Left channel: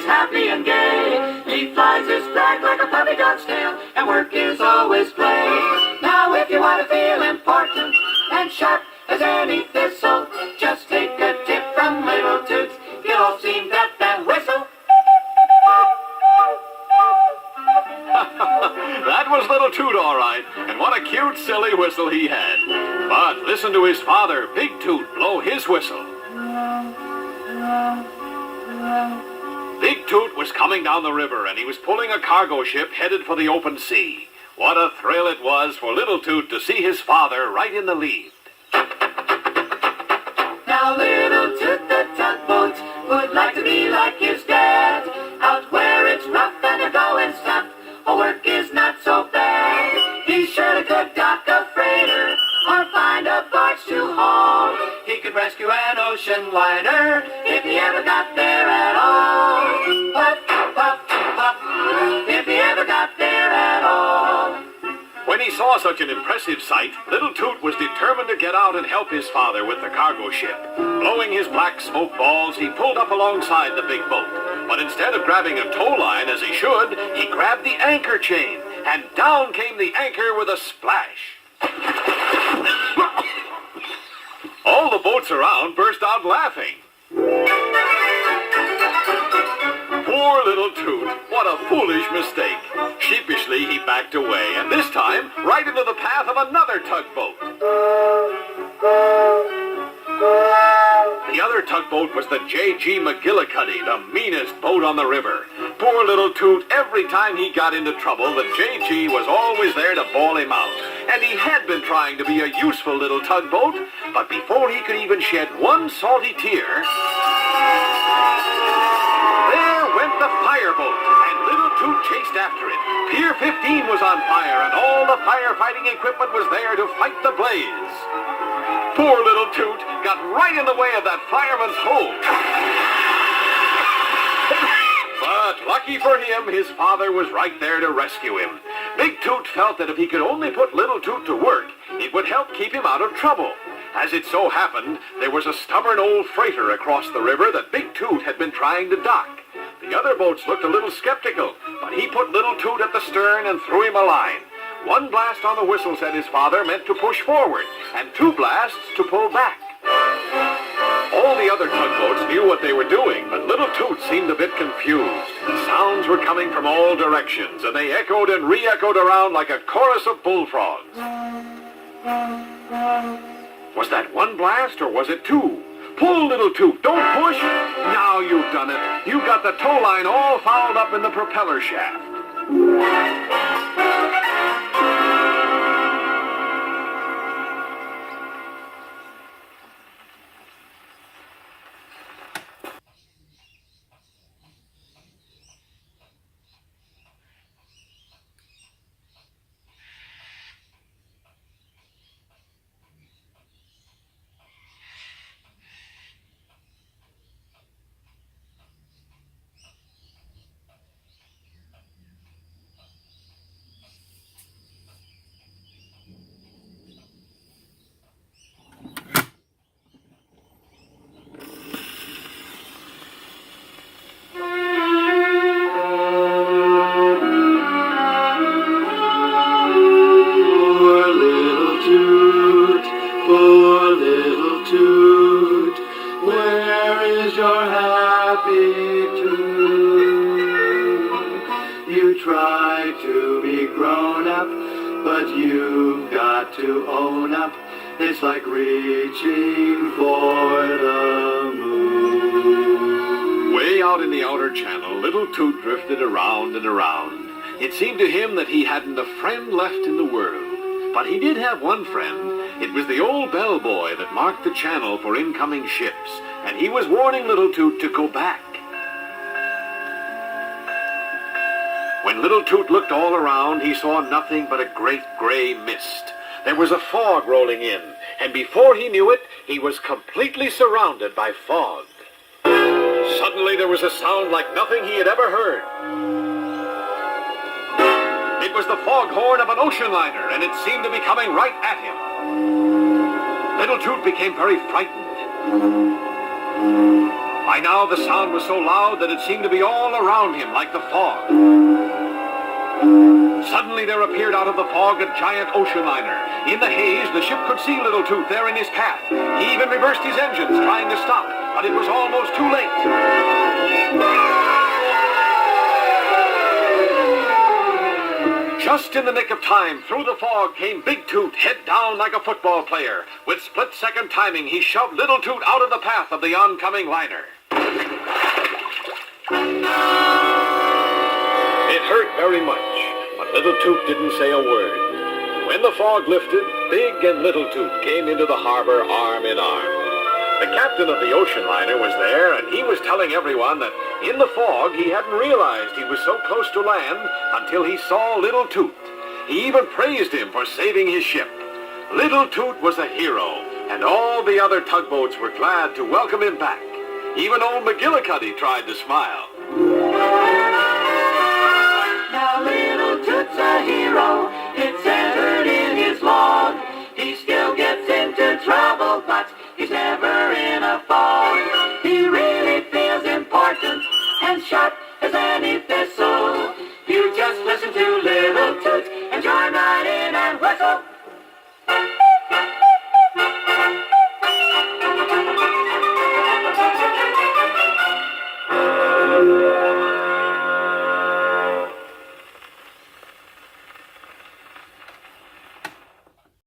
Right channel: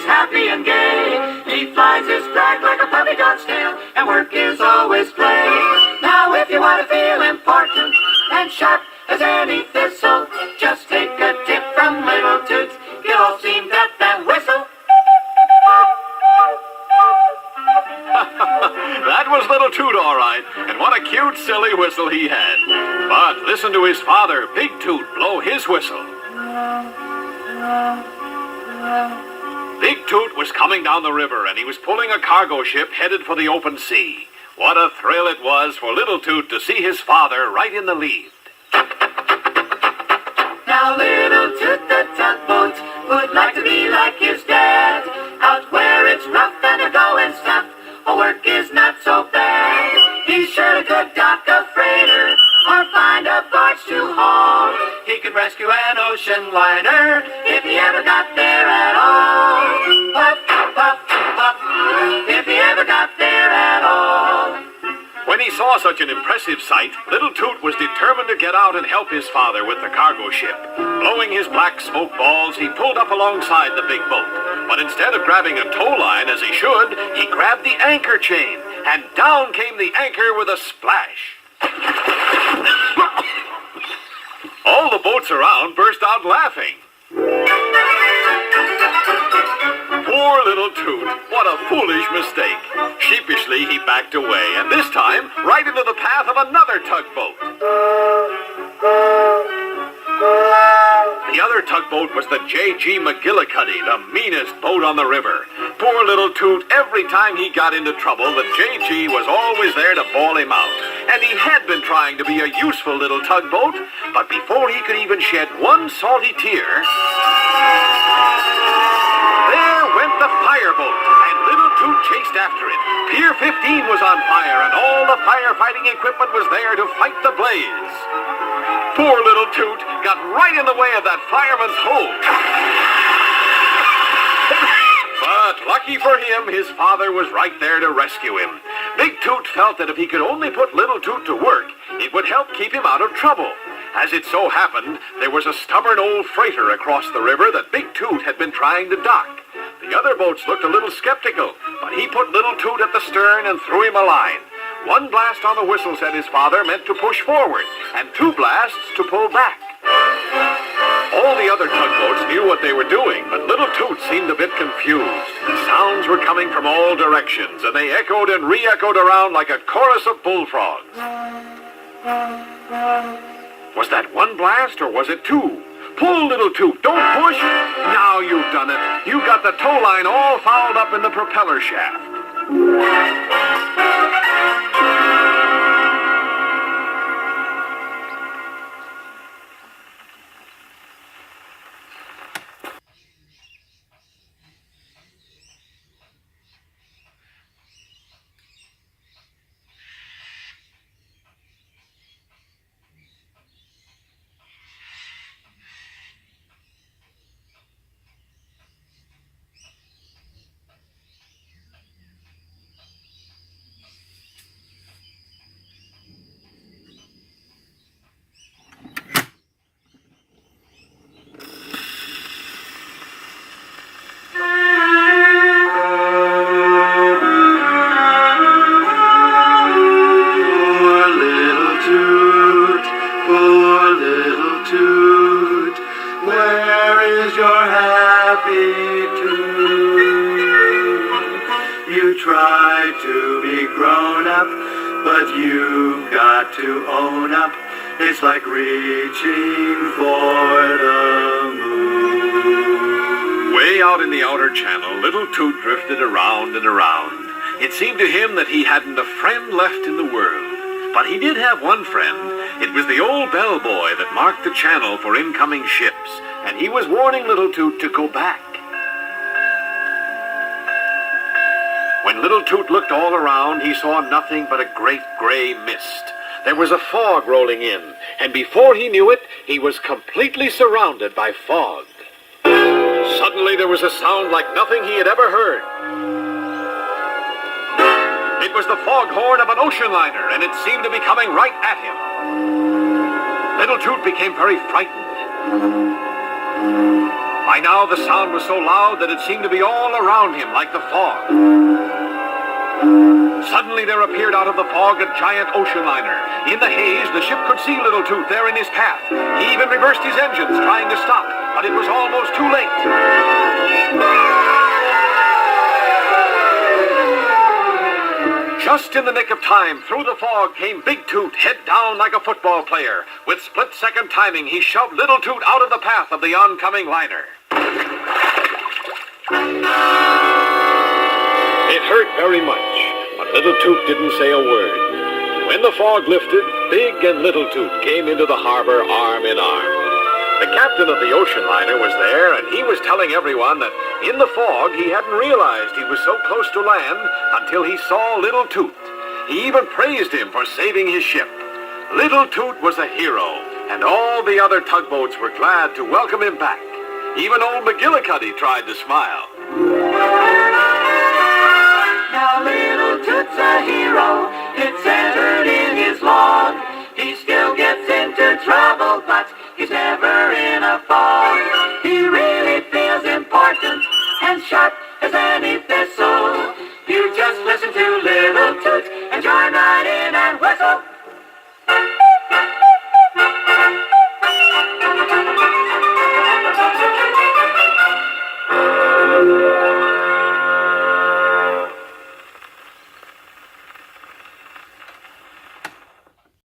always happy and gay. He flies his flag like a puppy dog's tail, and work is always play. Now if you want to feel important and sharp as any thistle, just take a tip from Little Toot. You'll seem that and whistle. That was Little Toot, all right, and what a cute, silly whistle he had. But listen to his father, Big Toot, blow his whistle. Big Toot was coming down the river, and he was pulling a cargo ship headed for the open sea. What a thrill it was for Little Toot to see his father right in the lead. Now Little Toot the tugboat would like to be like his dad, out where it's rough and a going snap. Work is not so bad. He surely could dock a freighter or find a barge to haul. He could rescue an ocean liner if he ever got there at all. Puff, puff, puff, if he ever got there at all. When he saw such an impressive sight, Little Toot was determined to get out and help his father with the cargo ship. Blowing his black smoke balls, he pulled up alongside the big boat. But instead of grabbing a tow line as he should, he grabbed the anchor chain, and down came the anchor with a splash. All the boats around burst out laughing. Poor Little Toot, what a foolish mistake. Sheepishly, he backed away, and this time, right into the path of another tugboat. The other tugboat was the J.G. McGillicuddy, the meanest boat on the river. Poor Little Toot, every time he got into trouble, the J.G. was always there to bawl him out. And he had been trying to be a useful little tugboat, but before he could even shed one salty tear, there went the fireboat, and Little Toot chased after it. Pier 15 was on fire, and all the firefighting equipment was there to fight the blaze. Poor Little Toot got right in the way of that fireman's hose. But lucky for him, his father was right there to rescue him. Big Toot felt that if he could only put Little Toot to work, it would help keep him out of trouble. As it so happened, there was a stubborn old freighter across the river that Big Toot had been trying to dock. The other boats looked a little skeptical, but he put Little Toot at the stern and threw him a line. One blast on the whistle, said his father, meant to push forward, and two blasts to pull back. All the other tugboats knew what they were doing, but Little Toot seemed a bit confused. Sounds were coming from all directions, and they echoed and re-echoed around like a chorus of bullfrogs. Was that one blast, or was it two? Pull, Little Toot, don't push! Now you've done it. You got the tow line all fouled up in the propeller shaft. Try to be grown up, but you've got to own up. It's like reaching for the moon. Way out in the outer channel, Little Toot drifted around and around. It seemed to him that he hadn't a friend left in the world. But he did have one friend. It was the old bellboy that marked the channel for incoming ships, and he was warning Little Toot to go back. When Little Toot looked all around, he saw nothing but a great gray mist. There was a fog rolling in, and before he knew it, he was completely surrounded by fog. Suddenly there was a sound like nothing he had ever heard. It was the foghorn of an ocean liner, and it seemed to be coming right at him. Little Toot became very frightened. By now the sound was so loud that it seemed to be all around him like the fog. Suddenly there appeared out of the fog a giant ocean liner. In the haze, the ship could see little Toot there in his path. He even reversed his engines, trying to stop, but it was almost too late. Just in the nick of time, through the fog came Big Toot, head down like a football player. With split-second timing, he shoved little Toot out of the path of the oncoming liner. It hurt very much, but little Toot didn't say a word. When the fog lifted, Big and little Toot came into the harbor arm in arm. The captain of the ocean liner was there, and he was telling everyone that in the fog he hadn't realized he was so close to land until he saw little Toot. He even praised him for saving his ship. Little Toot was a hero, and all the other tugboats were glad to welcome him back. Even old McGillicuddy tried to smile. Now little Toot's a hero, it's entered in his log. He still gets into trouble, but he's never in a fog. He really feels important and sharp as any thistle. You just listen to little Toot and join right in and whistle.